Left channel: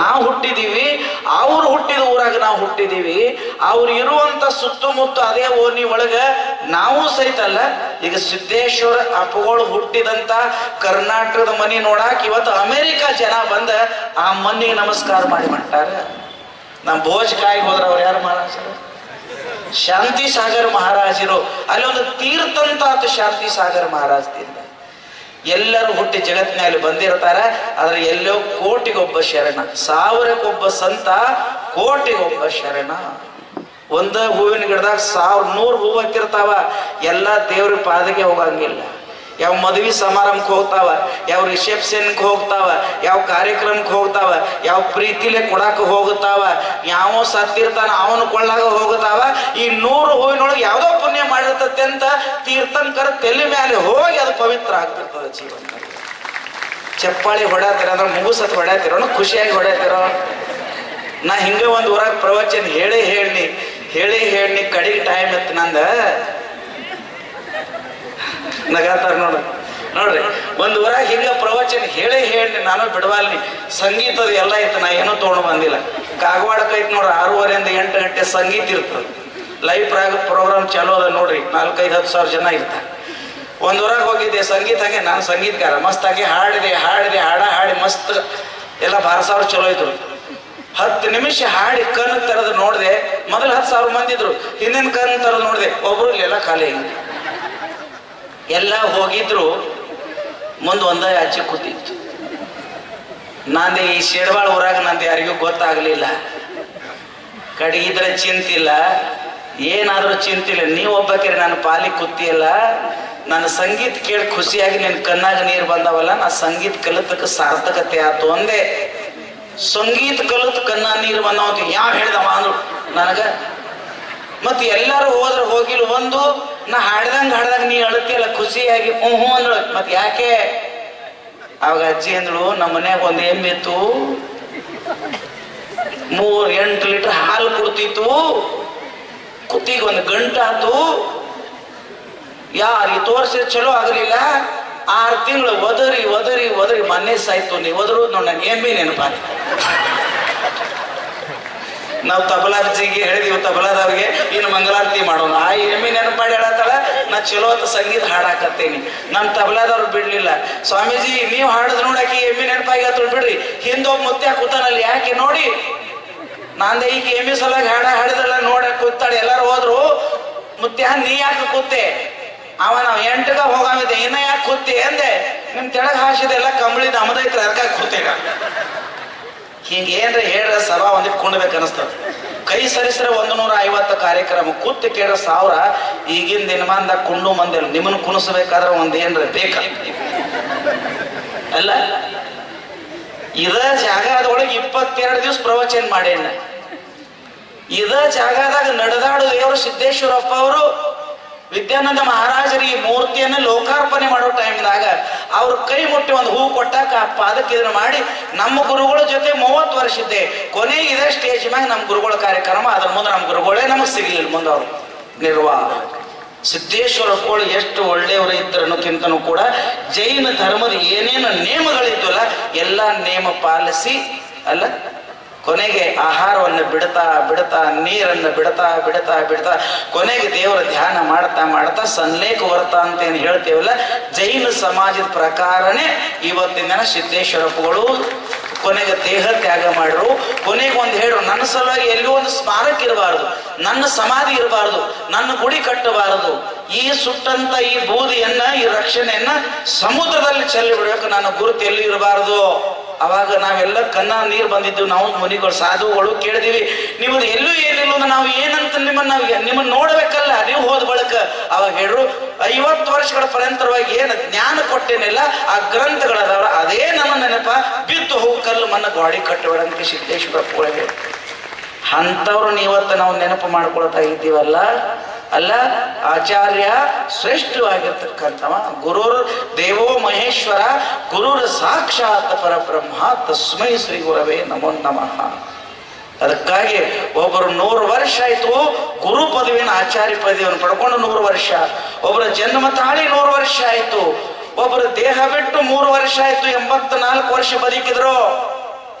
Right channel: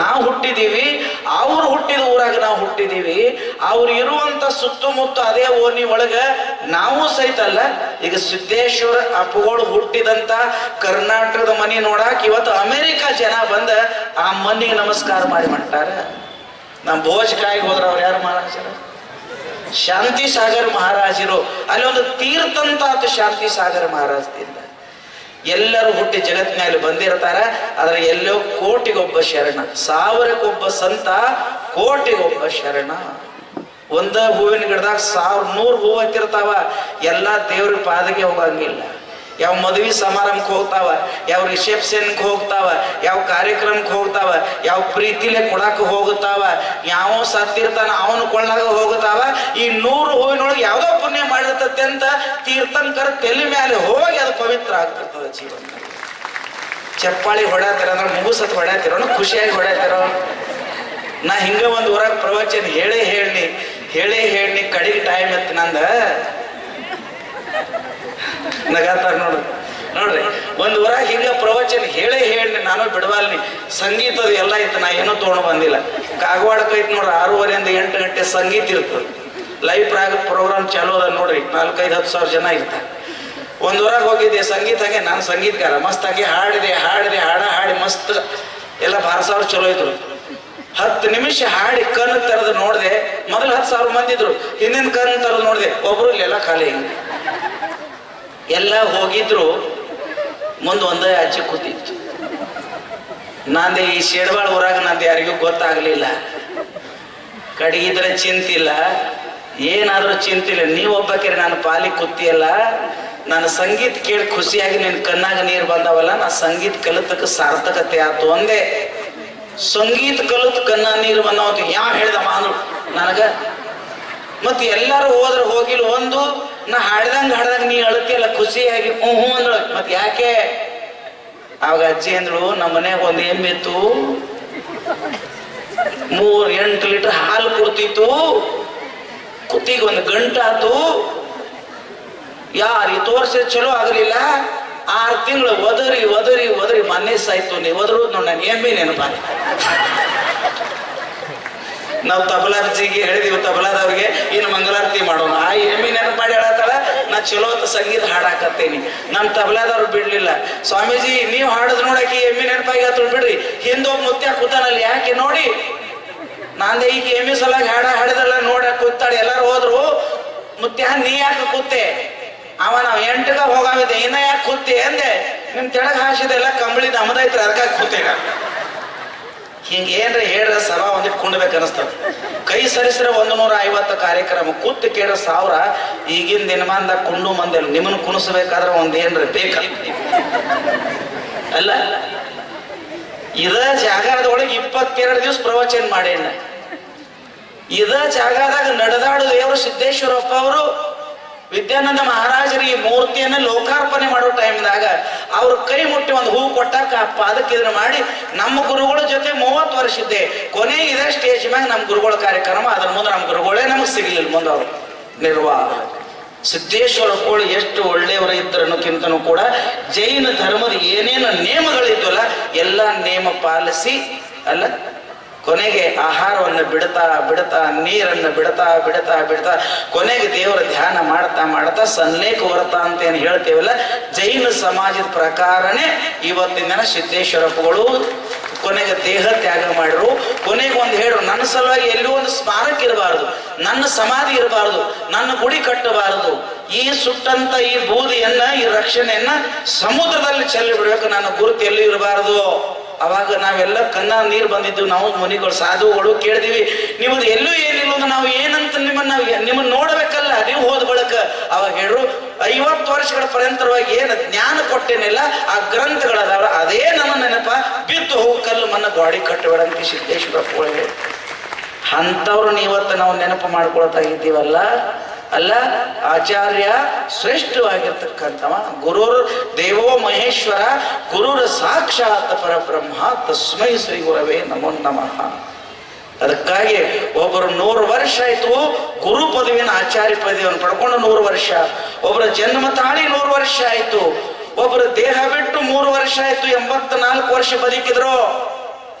ನಾವು ಹುಟ್ಟಿದೀವಿ, ಅವ್ರು ಹುಟ್ಟಿದ ಊರಾಗ ನಾವು ಹುಟ್ಟಿದೀವಿ, ಅವ್ರು ಇರುವಂತ ಸುತ್ತಮುತ್ತ ಅದೇ ಓಣಿ ಒಳಗ ನಾವು ಸಹಿತ ಅಲ್ಲ, ಈಗ ಸಿದ್ದೇಶ್ವರ ಅಪ್ಪಗಳು ಹುಟ್ಟಿದಂತ ಕರ್ನಾಟಕದ ಮನಿ ನೋಡಾಕ ಇವತ್ತು ಅಮೆರಿಕ ಜನ ಬಂದ ಆ ಮನಿಗೆ ನಮಸ್ಕಾರ ಮಾಡಿ ಮಾಡ್ತಾರ ನಮ್ಮ ಭೋಜ್ ಕಾಯಿಗೆ ಹೋದ್ರ ಅವ್ರು ಯಾರು ಮಹಾರಾಜರು? ಶಾಂತಿ ಸಾಗರ್ ಮಹಾರಾಜರು. ಅಲ್ಲಿ ಒಂದು ತೀರ್ಥಂತ ಆತು ಶಾಂತಿ ಸಾಗರ್ ಮಹಾರಾಜದಿಂದ ಎಲ್ಲರೂ ಹುಟ್ಟಿ ಜಗತ್ತಿನಲ್ಲಿ ಬಂದಿರ್ತಾರ. ಆದ್ರೆ ಎಲ್ಲೋ ಕೋಟಿಗೊಬ್ಬ ಶರಣ, ಸಾವಿರಕ್ಕೊಬ್ಬ ಸಂತ, ಕೋಟಿಗೊಬ್ಬ ಶರಣ. ಒಂದ ಹೂವಿನ ಗಿಡದಾಗ ಸಾವಿರ, ನೂರು ಹೂವು ಹತ್ತಿರ್ತಾವ. ಎಲ್ಲ ದೇವ್ರ ಪಾದಕ್ಕೆ ಹೋಗಂಗಿಲ್ಲ. ಯಾವ ಮದುವೆ ಸಮಾರಂಭಕ್ಕೆ ಹೋಗ್ತಾವ, ಯಾವ ರಿಸೆಪ್ಷನ್ಗೆ ಹೋಗ್ತಾವ, ಯಾವ ಕಾರ್ಯಕ್ರಮಕ್ಕೆ ಹೋಗ್ತಾವ, ಯಾವ ಪ್ರೀತಿಲೆ ಕೊಡಕ್ಕೆ ಹೋಗುತ್ತಾವ ಯಾವ ಸತ್ತಿರ್ತಾನ ಅವನು ಕೊಳ್ಳಾಗ ಹೋಗುತ್ತಾವ ಈ ನೂರು ಹೂವಿನೊಳಗೆ ಯಾವುದೋ ಪುಣ್ಯ ಮಾಡಿರ್ತತೆ ಅಂತ ತೀರ್ಥಂಕರ ತಲೆ ಮೇಲೆ ಹೋಗಿ ಅದು ಪವಿತ್ರ ಆಗ್ತಿರ್ತದೆ ಜೀವನ. ಚಪ್ಪಾಳಿ ಹೊಡ್ಯಾತಿರ ಅಂದ್ರೆ ಮುಗುಸತ್ ಹೊಡ್ಯಾತಿರೋ ಖುಷಿಯಾಗಿ ಹೊಡ್ಯಾತಿರೋ. ನಾ ಹಿಂಗ ಒಂದು ಊರಾಗ ಪ್ರವಚನ ಹೇಳಿ ಹೇಳಿ ಹೇಳಿ ಹೇಳಿ ಕಡಿಗೆ ಟೈಮ್ ಇತ್ತು ನಂದ. ನಗಾತಾರ ನೋಡು. ನೋಡ್ರಿ, ಒಂದು ಊರಾಗ ಹಿಂಗ ಪ್ರವಚನ ಹೇಳಿ ಹೇಳಿ ನಾನು ಬಿಡವಾಲ್ನಿ. ಸಂಗೀತದ ಎಲ್ಲ ಇತ್ತು, ನಾ ಏನೂ ತೊಗೊಂಡು ಬಂದಿಲ್ಲ. ಕಾಗವಾಡಕ್ಕೆ ಐತಿ ನೋಡ್ರಿ, ಆರೂವರೆಯಿಂದ ಎಂಟು ಗಂಟೆ ಸಂಗೀತ ಇರ್ತದೆ. ಲೈವ್ ಪ್ರಾಗ ಪ್ರೋಗ್ರಾಮ್ ಚಾಲೂ ಅದ ನೋಡ್ರಿ. ನಾಲ್ಕೈದು, ಹತ್ತು ಸಾವಿರ ಜನ ಇರ್ತಾರೆ. ಒಂದು ಊರಾಗ ಹೋಗಿದ್ದೆ ಸಂಗೀತ ಹಂಗೆ ನಾನು ಸಂಗೀತಗಾರ. ಮಸ್ತಾಗಿ ಹಾಡಿದೆ ಹಾಡಿದೆ, ಹಾಡ, ಹಾಡಿ ಮಸ್ತ್. ಎಲ್ಲ ಭಾರ ಸಾವಿರ ಚಲೋ ಇದ್ರು. ಹತ್ತು ನಿಮಿಷ ಹಾಡಿ ಕಣ್ಣು ತರದು ನೋಡಿದೆ. ಮೊದಲು ಹತ್ತು ಸಾವಿರ ಮಂದಿ ಇದ್ರು. ಹಿಂದಿನ ಕಣ್ಣು ತರದು ನೋಡಿದೆ. ಒಬ್ರು ಇಲ್ಲೆಲ್ಲ ಖಾಲಿ ಎಲ್ಲ ಹೋಗಿದ್ರು. ಮುಂದೆ ಒಂದೇ ಆಚೆ ಕೂತಿತ್ತು. ನಂದೆ ಈ ಶೇಡ್ವಾಳ ಊರಾಗ ನಂದು ಯಾರಿಗೂ ಗೊತ್ತಾಗ್ಲಿಲ್ಲ. ಕಡಿಗಿದ್ರೆ ಚಿಂತಿಲ್ಲ. ಏನಾದರೂ ಚಿಂತಿಲ್ಲ. ನೀವು ಒಬ್ಬಾಕಿರಿ ನಾನು ಪಾಲಿ ಕೂತಿಯಲ್ಲ ನಾನು ಸಂಗೀತ ಕೇಳಿ ಖುಷಿಯಾಗಿ ನಿನ್ನ ಕಣ್ಣಾಗ ನೀರು ಬಂದವಲ್ಲ, ನಾ ಸಂಗೀತ ಕಲಿತಕ್ಕೆ ಸಾರ್ಥಕತೆ ಆತು ಒಂದೇ ಸಂಗೀತ ಕಲಿತು ಕಣ್ಣ ನೀರು ಬಂದವಂತ ಯಾವ ಹೇಳ್ದವ ಅಂದ್ರು ನನಗ? ಮತ್ತೆ ಎಲ್ಲರೂ ಹೋದ್ರೆ, ಹೋಗಿಲ್ಲ, ಒಂದು, ನಾ ಹಾಡ್ದಂಗ ಹಾಡ್ದಂಗ ನೀ ಅಳತಿಯಲ್ಲ, ಖುಷಿಯಾಗಿ ಹ್ಞೂ ಹ್ಞೂ ಅಂದಳು. ಮತ್ತೆ ಯಾಕೆ? ಅವಾಗ ಅಜ್ಜಿ ಅಂದಳು, ನಮ್ಮ ಮನ್ಯಾಗ ಒಂದು ಎಮ್ಮಿತ್ತು ಮೂರು, ಎಂಟು ಲೀಟರ್ ಹಾಲು ಕೊಡ್ತಿತ್ತು. ಕುತ್ತಿಗೆ ಒಂದು ಗಂಟಾತು ಯಾರಿಗೆ ತೋರಿಸಿ ಚಲೋ ಆಗಲಿಲ್ಲ? ಆರು ತಿಂಗಳು ಒದರಿ ಒದರಿ ಒದರಿ ಮೊನ್ನೆ ಸಾಯ್ತು. ನೀವು ಒದರು, ನೋಡಿ ನಾನು ಎಮ್ಮಿ ನೆನಪ. ನಾವು ತಬಲಾರ್ಜಿಗೆ ಹೇಳಿದೀವಿ ತಬಲಾದವ್ರಿಗೆ ಇನ್ನು ಮಂಗಳಾರತಿ ಮಾಡೋಣ. ಆ ಎಮ್ಮಿ ನೆನಪು ಮಾಡಿ ನಾ ಚಲೋ ಅಂತ ಸಂಗೀತ ಹಾಡಾಕತ್ತೇನಿ. ನಮ್ಮ ತಬಲಾದವ್ರು ಬಿಡ್ಲಿಲ್ಲ. ಸ್ವಾಮೀಜಿ, ನೀವು ಹಾಡದ್ ನೋಡಾಕಿ ಎಮ್ಮಿ ನೆನಪಾಗಿ ಬಿಡ್ರಿ. ಹಿಂದೊಬ್ಬ ಮುತ್ಯ ಕೂತಾನಲ್ಲಿ ಯಾಕೆ ನೋಡಿ ನಾಂದೆ ಈಗ ಎಮ್ಮಿ ಸಲಾಗಿ ಹಾಡ ಹಾಡಿದಲ್ಲ, ನೋಡ, ಕೂತಾಳೆ. ಎಲ್ಲಾರು ಹೋದ್ರು ಮುತ್ಯ ನೀ ಯಾಕೆ ಕೂತೆ? ಅವ ನಾವು ಎಂಟಗ ಹೋಗಾಮಿದ್ದೆ ಇನ್ನ ಯಾಕೆ ಕೂತಿ ಅಂದೆ. ನಿಮ್ ತೆಳಗ್ ಹಾಸಿದೆಲ್ಲ ಕಂಬಳಿ ನಮ್ದೈತ್ರ, ಅದಕ್ಕಾಗಿ ಕೂತೇಗ ಹಿಂಗೆ ಏನ್ರ ಹೇಳ ಸಭಾ ಒಂದಿಟ್ಟು ಕುಣ್ಬೇಕು ಅನಿಸ್ತದೆ ಕೈ ಸರಿಸ್ರೆ ಒಂದು ನೂರ ಐವತ್ತು ಕಾರ್ಯಕ್ರಮ, ಕೂತು ಕೇಳ ಸಾವಿರ. ಈಗಿನ ದಿನಮಾನದ ಕುಂಡು ಮಂದಿಲ್ಲ ನಿಮ್ಮನ್ನು ಕುಣಿಸ್ಬೇಕಾದ್ರೆ ಒಂದು ಏನ್ರ ಬೇಕ? ಅಲ್ಲ ಇದ ಜಾಗದೊಳಗೆ ಇಪ್ಪತ್ತೆರಡು ದಿವಸ ಪ್ರವಚನ ಮಾಡೇನ ಇದ ಜಾಗದಾಗ ನಡೆದಾಡು ದೇವರು ಸಿದ್ದೇಶ್ವರಪ್ಪ ಅವರು, ವಿದ್ಯಾನಂದ ಮಹಾರಾಜರಿಗೆ ಮೂರ್ತಿಯನ್ನ ಲೋಕಾರ್ಪಣೆ ಮಾಡೋ ಟೈಮ್ದಾಗ ಅವ್ರ ಕೈ ಮುಟ್ಟಿ ಒಂದು ಹೂ ಕೊಟ್ಟಾಕ ಪಾದಕ್ಕೆ ಇದನ್ನ ಮಾಡಿ ನಮ್ಮ ಗುರುಗಳ ಜೊತೆ ಮೂವತ್ತು ವರ್ಷ ಇದ್ದೆ. ಕೊನೆ ಇದೇ ಸ್ಟೇಜ್ ಮ್ಯಾಗ ನಮ್ಮ ಗುರುಗಳ ಕಾರ್ಯಕ್ರಮ, ಅದ್ರ ಮುಂದೆ ನಮ್ಮ ಗುರುಗಳೇ ನಮಗೆ ಸಿಗ್ಲಿಲ್ಲ ಮುಂದೆ ಅವರು. ನಿರ್ವಾಹ ಸಿದ್ದೇಶ್ವರ ಕೋಳಿ ಎಷ್ಟು ಇದ್ದರು ಇದ್ದರನ್ನೋಕ್ಕಿಂತನೂ ಕೂಡ ಜೈನ ಧರ್ಮದ ಏನೇನು ನಿಯಮಗಳಿದ್ವಲ್ಲ, ಎಲ್ಲ ನಿಯಮ ಪಾಲಿಸಿ, ಅಲ್ಲ? ಕೊನೆಗೆ ಆಹಾರವನ್ನು ಬಿಡ್ತಾ ಬಿಡ್ತಾ, ನೀರನ್ನು ಬಿಡ್ತಾ ಬಿಡ್ತಾ ಬಿಡ್ತಾ ಕೊನೆಗೆ ದೇವರ ಧ್ಯಾನ ಮಾಡ್ತಾ ಮಾಡ್ತಾ ಸನ್ಲೇಖ ವರ್ತ ಅಂತ ಏನು ಹೇಳ್ತೇವಲ್ಲ, ಜೈನ ಸಮಾಜದ ಪ್ರಕಾರನೇ ಇವತ್ತಿನ ದಿನ ಸಿದ್ದೇಶ್ವರಪ್ಪಗಳು ಕೊನೆಗೆ ದೇಹ ತ್ಯಾಗ ಮಾಡ್ರು. ಕೊನೆಗೆ ಒಂದು ಹೇಳು ನನ್ನ ಸಲುವಾಗಿ ಎಲ್ಲಿ ಒಂದು ಸ್ಮಾರಕ ಇರಬಾರದು. ನನ್ನ ಸಮಾಧಿ ಇರಬಾರದು. ನನ್ನ ಗುಡಿ ಕಟ್ಟಬಾರದು. ಈ ಸುಟ್ಟಂತ ಈ ಬೂದಿಯನ್ನ, ಈ ರಕ್ಷಣೆಯನ್ನ ಸಮುದ್ರದಲ್ಲಿ ಚೆಲ್ಲಿ ಬಿಡಬೇಕು. ನನ್ನ ಗುರುತು ಎಲ್ಲಿ ಇರಬಾರದು. ಅವಾಗ ನಾವೆಲ್ಲ ಕನ್ನ ನೀರು ಬಂದಿದ್ದು ನಾವು ಮುನಿಗಳು, ಸಾಧುಗಳು ಕೇಳಿದೀವಿ, ನಿಮ್ದು ಎಲ್ಲೂ ಏನಿಲ್ಲ ನಾವು ಏನಂತ ನಿಮ್ಮನ್ನ ನಾವು ನಿಮ್ಮನ್ನ ನೋಡ್ಬೇಕಲ್ಲ. ನೀವು ಹೋದ ಬಳಕ. ಅವಾಗ ಹೇಳ್ರು ಐವತ್ತು ವರ್ಷಗಳ ಪರ್ಯಂತರವಾಗಿ ಏನು ಜ್ಞಾನ ಕೊಟ್ಟೇನಿಲ್ಲ, ಆ ಗ್ರಂಥಗಳದಾವ ಅದೇ ನನ್ನ ನೆನಪ, ಬಿದ್ದು ಹೋಗಿ ಕಲ್ಲು ಮನ್ನ ಗಾಡಿ ಕಟ್ಟಬೇಡಂತ ಸಿದ್ದೇಶ್ವರ ಕೂಡ ಅಂಥವ್ರು ಇವತ್ತು ನಾವು ನೆನಪು ಮಾಡ್ಕೊಳ್ತಾ ಇದ್ದೀವಲ್ಲ? ಅಲ್ಲ, ಆಚಾರ್ಯ ಶ್ರೇಷ್ಠವಾಗಿರ್ತಕ್ಕಂಥವ ಗುರುರ್ ದೇವೋ ಮಹೇಶ್ವರ, ಗುರುರ ಸಾಕ್ಷಾತ್ ಪರಬ್ರಹ್ಮ, ತಸ್ಮೈ ಶ್ರೀ ಗುರವೇ ನಮೋ ನಮಃ. ಅದಕ್ಕಾಗಿ ಒಬ್ಬರು ನೂರು ವರ್ಷ ಆಯ್ತು ಗುರು ಪದವಿನ ಆಚಾರ್ಯ ಪದವಿಯನ್ನು ಪಡ್ಕೊಂಡು ನೂರು ವರ್ಷ. ಒಬ್ಬರ ಜನ್ಮ ತಾಳಿ ನೂರು ವರ್ಷ ಆಯ್ತು. ಒಬ್ಬರು ದೇಹ ಬಿಟ್ಟು ಮೂರು ವರ್ಷ ಆಯ್ತು, ಎಂಬತ್ನಾಲ್ಕು ವರ್ಷ ಬದುಕಿದ್ರು.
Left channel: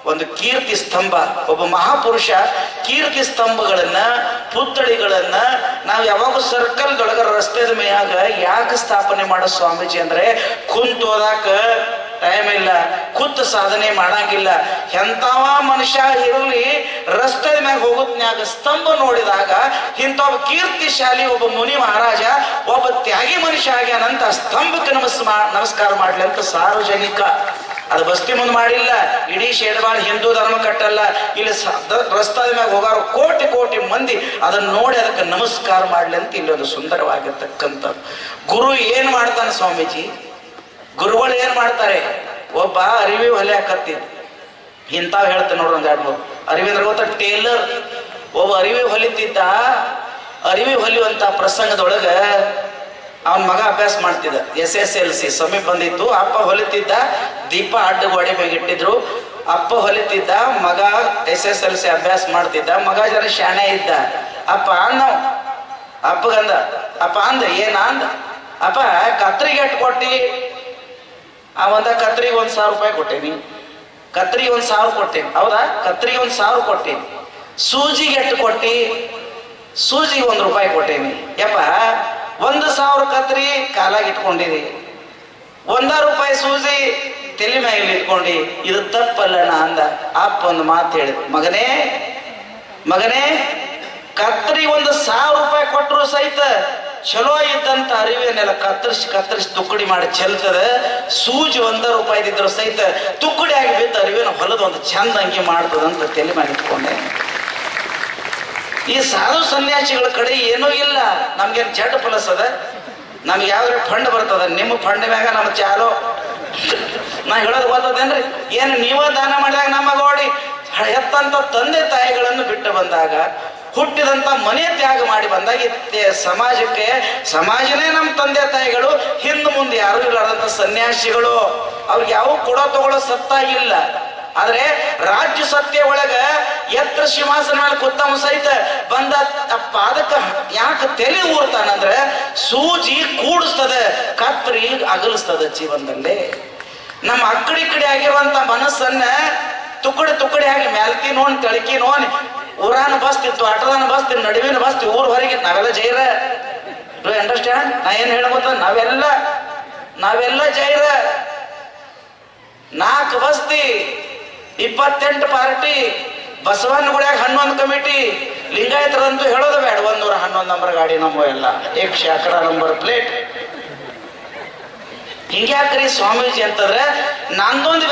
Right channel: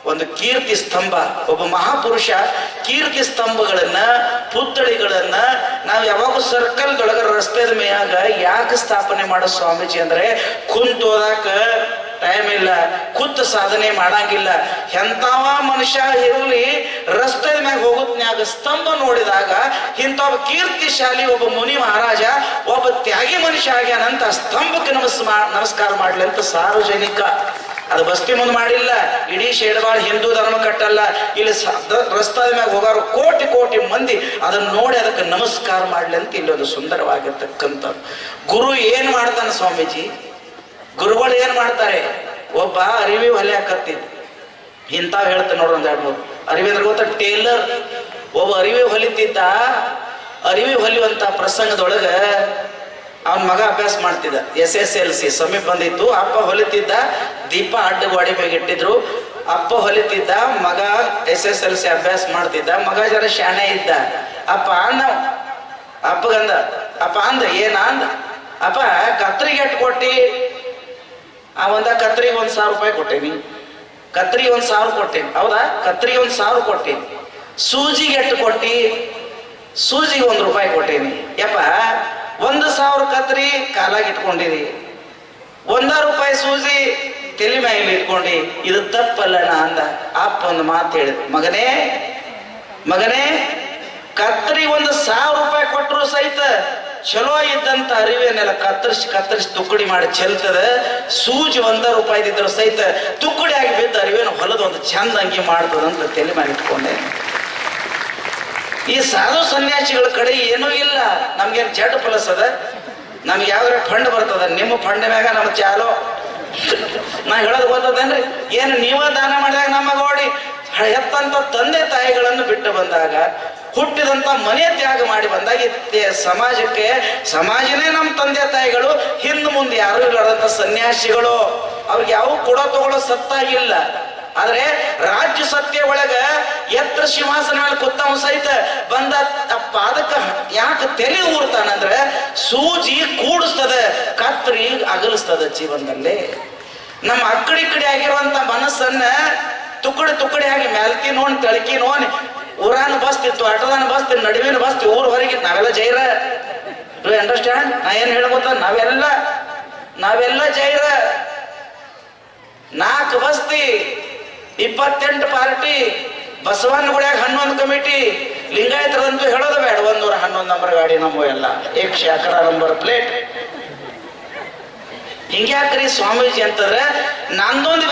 ಒಂದು ಕೀರ್ತಿ ಸ್ತಂಭ, ಒಬ್ಬ ಮಹಾಪುರುಷ ಕೀರ್ತಿ ಸ್ತಂಭಗಳನ್ನ, ಪುತ್ಥಳಿಗಳನ್ನ ನಾವು ಯಾವಾಗ ಸರ್ಕಲ್ದೊಳಗ ರಸ್ತೆದ ಮೇಯಾಗ ಯಾಕೆ ಸ್ಥಾಪನೆ ಮಾಡೋ ಸ್ವಾಮೀಜಿ ಅಂದ್ರೆ ಕುಂತೋದಾಕ ಟೈಮ್ ಇಲ್ಲ, ಖುದ್ದು ಸಾಧನೆ ಮಾಡಂಗಿಲ್ಲ. ಎಂತವ ಮನುಷ್ಯ ಇರಲಿ ರಸ್ತೆ ಮ್ಯಾಗ ಹೋಗುದ್ನ್ಯಾಗ ಸ್ತಂಭ ನೋಡಿದಾಗ ಇಂಥ ಒಬ್ಬ ಕೀರ್ತಿಶಾಲಿ ಒಬ್ಬ ಮುನಿ ಮಹಾರಾಜ, ಒಬ್ಬ ತ್ಯಾಗಿ ಮನುಷ್ಯ ಆಗ್ಯಾನಂತ ಸ್ತಂಭಕ್ಕೆ ನಮಸ್ ನಮಸ್ಕಾರ ಮಾಡ್ಲಿ ಅಂತ ಸಾರ್ವಜನಿಕ. ಅದು ಬಸ್ತಿ ಮುಂದೆ ಮಾಡಿಲ್ಲ, ಇಡೀ ಶೇಡ್ವಾಳ ಹಿಂದೂ ಧರ್ಮ ಕಟ್ಟಲ್ಲ. ಇಲ್ಲಿ ರಸ್ತಾದ ಮ್ಯಾಗ ಹೋಗಾರು ಕೋಟಿ ಕೋಟಿ ಮಂದಿ. ಅದನ್ನ ನೋಡಿ ಅದಕ್ಕೆ ನಮಸ್ಕಾರ ಮಾಡ್ಲಿ ಅಂತ ಇಲ್ಲೊಂದು ಸುಂದರವಾಗಿರ್ತಕ್ಕಂಥ ಗುರು ಏನ್ ಮಾಡ್ತಾನೆ ಸ್ವಾಮೀಜಿ? ಗುರುಗಳು ಏನ್ ಮಾಡ್ತಾರೆ? ಒಬ್ಬ ಅರಿವಿ ಹೊಲೆ ಹಾಕತ್ತಿದ್ ಇಂತಾವ್ ಹೇಳ್ತ ನೋಡ್ರಿ ಒಂದ್ ಎರಡು ಮೂರು. ಅರಿವಿ ಅಂದ್ರೆ ಗೊತ್ತ? ಟೇಲರ್. ಒಬ್ಬ ಅರಿವಿ ಹೊಲಿತಿದ್ದ. ಅರಿವಿ ಹೊಲಿಯುವಂತ ಪ್ರಸಂಗದೊಳಗ ಅವನ ಮಗ ಅಭ್ಯಾಸ ಮಾಡ್ತಿದ್ದ. S S L C. ಸಮೀಪ ಬಂದಿತ್ತು. ಅಪ್ಪ ಹೊಲಿತಿದ್ದ. ದೀಪ ಅಡ್ಡ ಗೋಡೆ ಮೇಲೆ ಇಟ್ಟಿದ್ರು. ಅಪ್ಪ ಹೊಲಿತಿದ್ದ. ಮಗ ಎಸ್ ಎಸ್ ಎಲ್ ಸಿ ಅಭ್ಯಾಸ ಮಾಡ್ತಿದ್ದ. ಮಗ ಜನ ಶಾಣೆ ಇದ್ದ. ಅಪ್ಪ ಅಂದ. ಅಪ್ಪಗಂದ, ಅಪ್ಪ ಅಂದ, ಏನ ಅಂದ? ಅಪ್ಪ ಕತ್ರಿಗೆ ಕೊಟ್ಟಿ ಒಂದ ಕತ್ರಿಗೆ ಒಂದು ಸಾವಿರ ರೂಪಾಯಿ ಕೊಟ್ಟೇನಿ. ಕತ್ರಿಗೆ ಒಂದು ಸಾವಿರ ಕೊಟ್ಟೇನಿ. ಹೌದಾ? ಕತ್ರಿಗೆ ಒಂದು ಸಾವಿರ ಕೊಟ್ಟೇನಿ. ಸೂಜಿಗೆ ಎಟ್ಟು ಕೊಟ್ಟಿ? ಸೂಜಿಗೆ ಒಂದು ರೂಪಾಯಿ ಕೊಟ್ಟೇನಿ. ಯಪ್ಪ, ಒಂದು ಸಾವಿರ ಕತ್ರಿ ಕಾಲಾಗಿ ಇಟ್ಕೊಂಡಿರಿ ಒಂದ ರೂಪಾಯಿ ಸೂಜಿ ತಲೆ ಮೇಲೆ ಇಟ್ಕೊಂಡಿ. ಇದು ತಪ್ಪಲ್ಲಣ್ಣ ಅಂದ. ಅಪ್ಪ ಒಂದು ಮಾತು ಹೇಳಿದ ಮಗನೇ ಮಗನೇ, ಕತ್ರಿ ಒಂದು ಸಾವಿರ ರೂಪಾಯಿ ಕೊಟ್ಟರು ಸಹಿತ ಚಲೋ ಇದ್ದಂತ ಅರಿವೇನೆಲ್ಲ ಕತ್ತರಿಸಿ ಕತ್ತರಿಸಿ ತುಕ್ಕಡಿ ಮಾಡಿ ಚೆಲ್ತದ, ಸೂಜಿ ಒಂದ ರೂಪಾಯಿ ಇದ್ದಿದ್ರು ಸಹಿತ ತುಕ್ಕಡಿ ಆಗಿ ಬಿದ್ದ ಅರಿವೇನ ಹೊಲದ ಒಂದು ಚಂದ ಅಂಗಿ ಮಾಡ್ತದಂತ ತಲೆ ಮಾಡಿ ಇಟ್ಕೊಂಡೆ. ಈ ಸಾಧು ಸನ್ಯಾಸಿಗಳ ಕಡೆ ಏನೂ ಇಲ್ಲ. ನಮ್ಗೇನು ಜಡ್ ಪ್ಲಸ್ ಅದ? ನಮ್ಗೆ ಯಾವ್ದ್ರ ಫಂಡ್ ಬರ್ತದ? ನಿಮ್ಮ ಫಂಡ್ ಮ್ಯಾಗ ನಮ್ಮ ಚಾಲೋ. ನಾ ಹೇಳೋದು ಗೊತ್ತದೇನ್ರಿ? ಏನು ನೀವ ದಾನ ಮಾಡಿದಾಗ ನಮ್ಮ ಗೋಡಿ? ಹೆತ್ತಂತ ತಂದೆ ತಾಯಿಗಳನ್ನು ಬಿಟ್ಟು ಬಂದಾಗ ಹುಟ್ಟಿದಂತ ಮನೆ ತ್ಯಾಗ ಮಾಡಿ ಬಂದಾಗ ಸಮಾಜಕ್ಕೆ, ಸಮಾಜನೇ ನಮ್ಮ ತಂದೆ ತಾಯಿಗಳು, ಹಿಂದೆ ಮುಂದೆ ಯಾರು ಇಲ್ಲದಂತ ಸನ್ಯಾಸಿಗಳು. ಅವ್ರಿಗೆ ಯಾವ ಕೊಡೋ ತಗೊಳ್ಳೋ ಸತ್ತಾಗಿಲ್ಲ. ಆದ್ರೆ ರಾಜ್ಯ ಸತ್ಯ ಒಳಗ ಎತ್ರ ಸಿಂಹಾಸನ ಮೇಲೆ ಸಹಿತ ಬಂದ ಅಪ್ಪ, ಅದಕ್ಕೆ ಯಾಕೆ ತಲೆ ಊರ್ತಾನಂದ್ರೆ ಸೂಜಿ ಕೂಡಿಸ್ತದ, ಕತ್ರಿ ಅಗಲಿಸ್ತದ ಜೀವನದಲ್ಲಿ. ನಮ್ಮ ಅಕ್ಕಡಿ ಕಡೆ ಆಗಿರುವಂತ ಮನಸ್ಸನ್ನ ತುಕಡಿ ತುಕಡಿ ಆಗಿ ಮ್ಯಾಲ್ಕಿ ನೋನ್, ತಳಕಿ ಊರಾನ ಬಸ್ತಿತ್ತು ಆಟದಾನ ಬಸ್ತಿ ನಡುವಿನ ಬಸ್ತಿ ಊರ್ ಹೊರಗೆ ನಾವೆಲ್ಲ ಜೈರ. ಅಂಡರ್ಸ್ಟ್ಯಾಂಡ್ ನಾ ಏನ್ ಹೇಳ ನಾವೆಲ್ಲ ನಾವೆಲ್ಲ ಜೈರ. ನಾಲ್ಕು ಬಸ್ತಿ, ಇಪ್ಪತ್ತೆಂಟು ಪಾರ್ಟಿ ಬಸವನ್ ಗುಡಿಯಾಗ ಹನ್ನೊಂದು ಕಮಿಟಿ, ಲಿಂಗಾಯತರಂತೂ ಹೇಳೋದು ಬೇಡ. ಒಂದೂರ ಹನ್ನೊಂದು ನಂಬರ್ ಗಾಡಿ ನಮ್ಮ ಎಲ್ಲ. ಏಕ್ ಅಕರ ನಂಬರ್ ಪ್ಲೇಟ್ ಹಿಂಗ್ಯಾಕ್ರಿ ಸ್ವಾಮೀಜಿ ಅಂತಂದ್ರೆ, ನಂದೊಂದು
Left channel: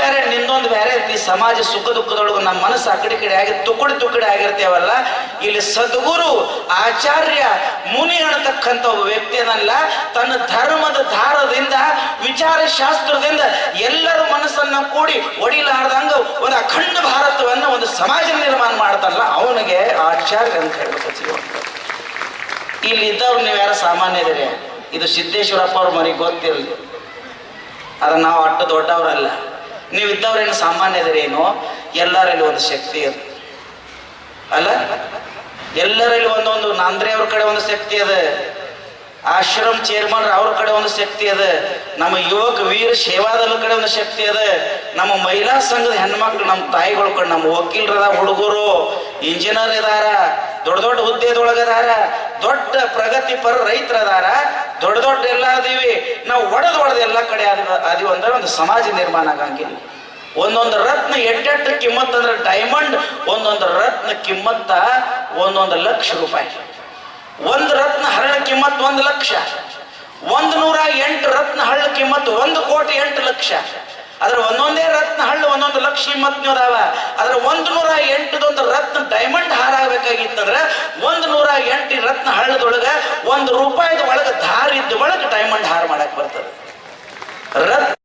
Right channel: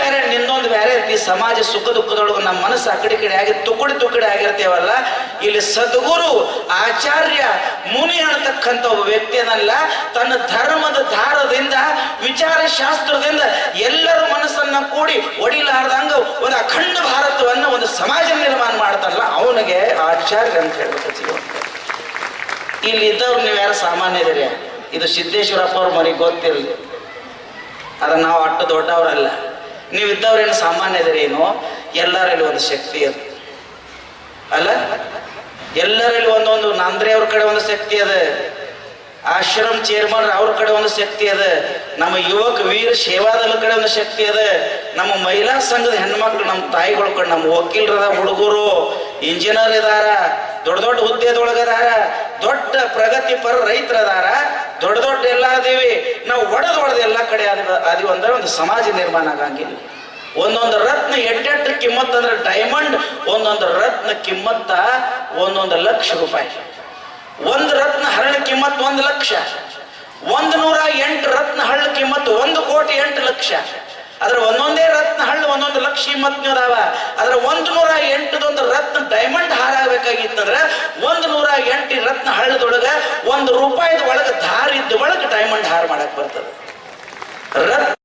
ನಿಂದೊಂದು ಬೇರೆ ಈ ಸಮಾಜ ಸುಖ ದುಃಖದೊಳಗೆ ನಮ್ಮ ಮನಸ್ಸು ಆ ಕಡೆ ಕಡೆ ಆಗಿ ತುಕಡಿ ತುಕಡಿ ಆಗಿರ್ತೇವಲ್ಲ, ಇಲ್ಲಿ ಸದ್ಗುರು, ಆಚಾರ್ಯ, ಮುನಿ ಅನ್ನತಕ್ಕಂಥ ಒಬ್ಬ ವ್ಯಕ್ತಿಯನ್ನಲ್ಲ ತನ್ನ ಧರ್ಮದ ಧಾರದಿಂದ ವಿಚಾರ ಶಾಸ್ತ್ರದಿಂದ ಎಲ್ಲರ ಮನಸ್ಸನ್ನ ಕೂಡಿ ಒಡಿಲಾರ್ದಂಗ ಒಂದು ಅಖಂಡ ಭಾರತವನ್ನ ಒಂದು ಸಮಾಜ ನಿರ್ಮಾಣ ಮಾಡ್ತಾರಲ್ಲ, ಅವನಿಗೆ ಆಚಾರ್ಯ ಅಂತ ಹೇಳ್ಬೇಕು ಇಲ್ಲಿ ಇದ್ದವ್ರು ನೀವು ಯಾರು ಸಾಮಾನ್ಯ ಇದು ಸಿದ್ದೇಶ್ವರಪ್ಪ ಅವ್ರ ಮನೆಗೆ ಗೊತ್ತಿರಲಿ. ಆದ್ರೆ ನಾವು ಅಟ್ಟ ದೊಡ್ಡವರಲ್ಲ. ನೀವು ಇದ್ದವ್ರೇನು ಸಾಮಾನ್ಯ ಇದರೇನು ಎಲ್ಲರಲ್ಲಿ ಒಂದು ಶಕ್ತಿ ಅದ. ಅಲ್ಲ? ಎಲ್ಲರಲ್ಲಿ ಒಂದೊಂದು ನಾಂದ್ರೆ ಅವ್ರ ಕಡೆ ಒಂದು ಶಕ್ತಿ ಅದ. ಆಶ್ರಮ್ ಚೇರ್ಮನ್ ಅವ್ರ ಕಡೆ ಒಂದು ಶಕ್ತಿ ಅದ. ನಮ್ಮ ಯುವಕ ವೀರ ಸೇವಾದಲ್ ಕಡೆ ಒಂದು ಶಕ್ತಿ ಅದ. ನಮ್ಮ ಮಹಿಳಾ ಸಂಘದ ಹೆಣ್ಮಕ್ಳು, ನಮ್ಮ ತಾಯಿಗಳ ಕಡೆ ನಮ್ಮ ವಕೀಲರದ ಹುಡುಗರು, ಇಂಜಿನಿಯರ್ ಇದಾರ. ದೊಡ್ಡ ದೊಡ್ಡ ಹುದ್ದೆದೊಳಗದಾರ, ದೊಡ್ಡ ಪ್ರಗತಿಪರ ರೈತರದಾರ, ದೊಡ್ಡ ದೊಡ್ಡ ಎಲ್ಲ ಅದೀವಿ. ನಾವು ಒಡೆದು ಒಡೆದು ಎಲ್ಲ ಕಡೆ ಅದೀವಿ ಅಂದ್ರೆ ಒಂದು ಸಮಾಜ ನಿರ್ಮಾಣ ಆಗಂಗಿಲ್ಲ. ಒಂದೊಂದು ರತ್ನ ಎಟ್ಟೆಟ್ಟು ಕಿಮ್ಮತ್ ಅಂದ್ರೆ ಡೈಮಂಡ್ ಒಂದೊಂದು ರತ್ನ ಕಿಮ್ಮತ್ತ ಒಂದೊಂದು ಲಕ್ಷ ರೂಪಾಯಿ. ಒಂದು ರತ್ನ ಹರಳ ಕಿಮ್ಮತ್ ಒಂದು ಲಕ್ಷ. ಒಂದು ನೂರ ಎಂಟು ರತ್ನ ಹಳ್ಳ ಕಿಮ್ಮತ್ತು ಒಂದು ಕೋಟಿ ಎಂಟು ಲಕ್ಷ. ಅದ್ರ ಒಂದೊಂದೇ ರತ್ನ ಹಳ್ಳು, ಒಂದೊಂದು ಲಕ್ಷ ಇಮ್ಮತ್ನೂರ ಅವ. ಅದ್ರ ಒಂದು ನೂರ ಎಂಟದೊಂದು ರತ್ನ ಡೈಮಂಡ್ ಹಾರ ಆಗ್ಬೇಕಾಗಿತ್ತಂದ್ರ ಒಂದು ನೂರ ಎಂಟು ರತ್ನ ಹಳ್ಳದೊಳಗ ಒಂದು ರೂಪಾಯಿದ ಒಳಗ ಧಾರಿದ್ದ ಒಳಗೆ ಡೈಮಂಡ್ ಹಾರ ಮಾಡಕ್ ಬರ್ತದೆ. ರತ್ನ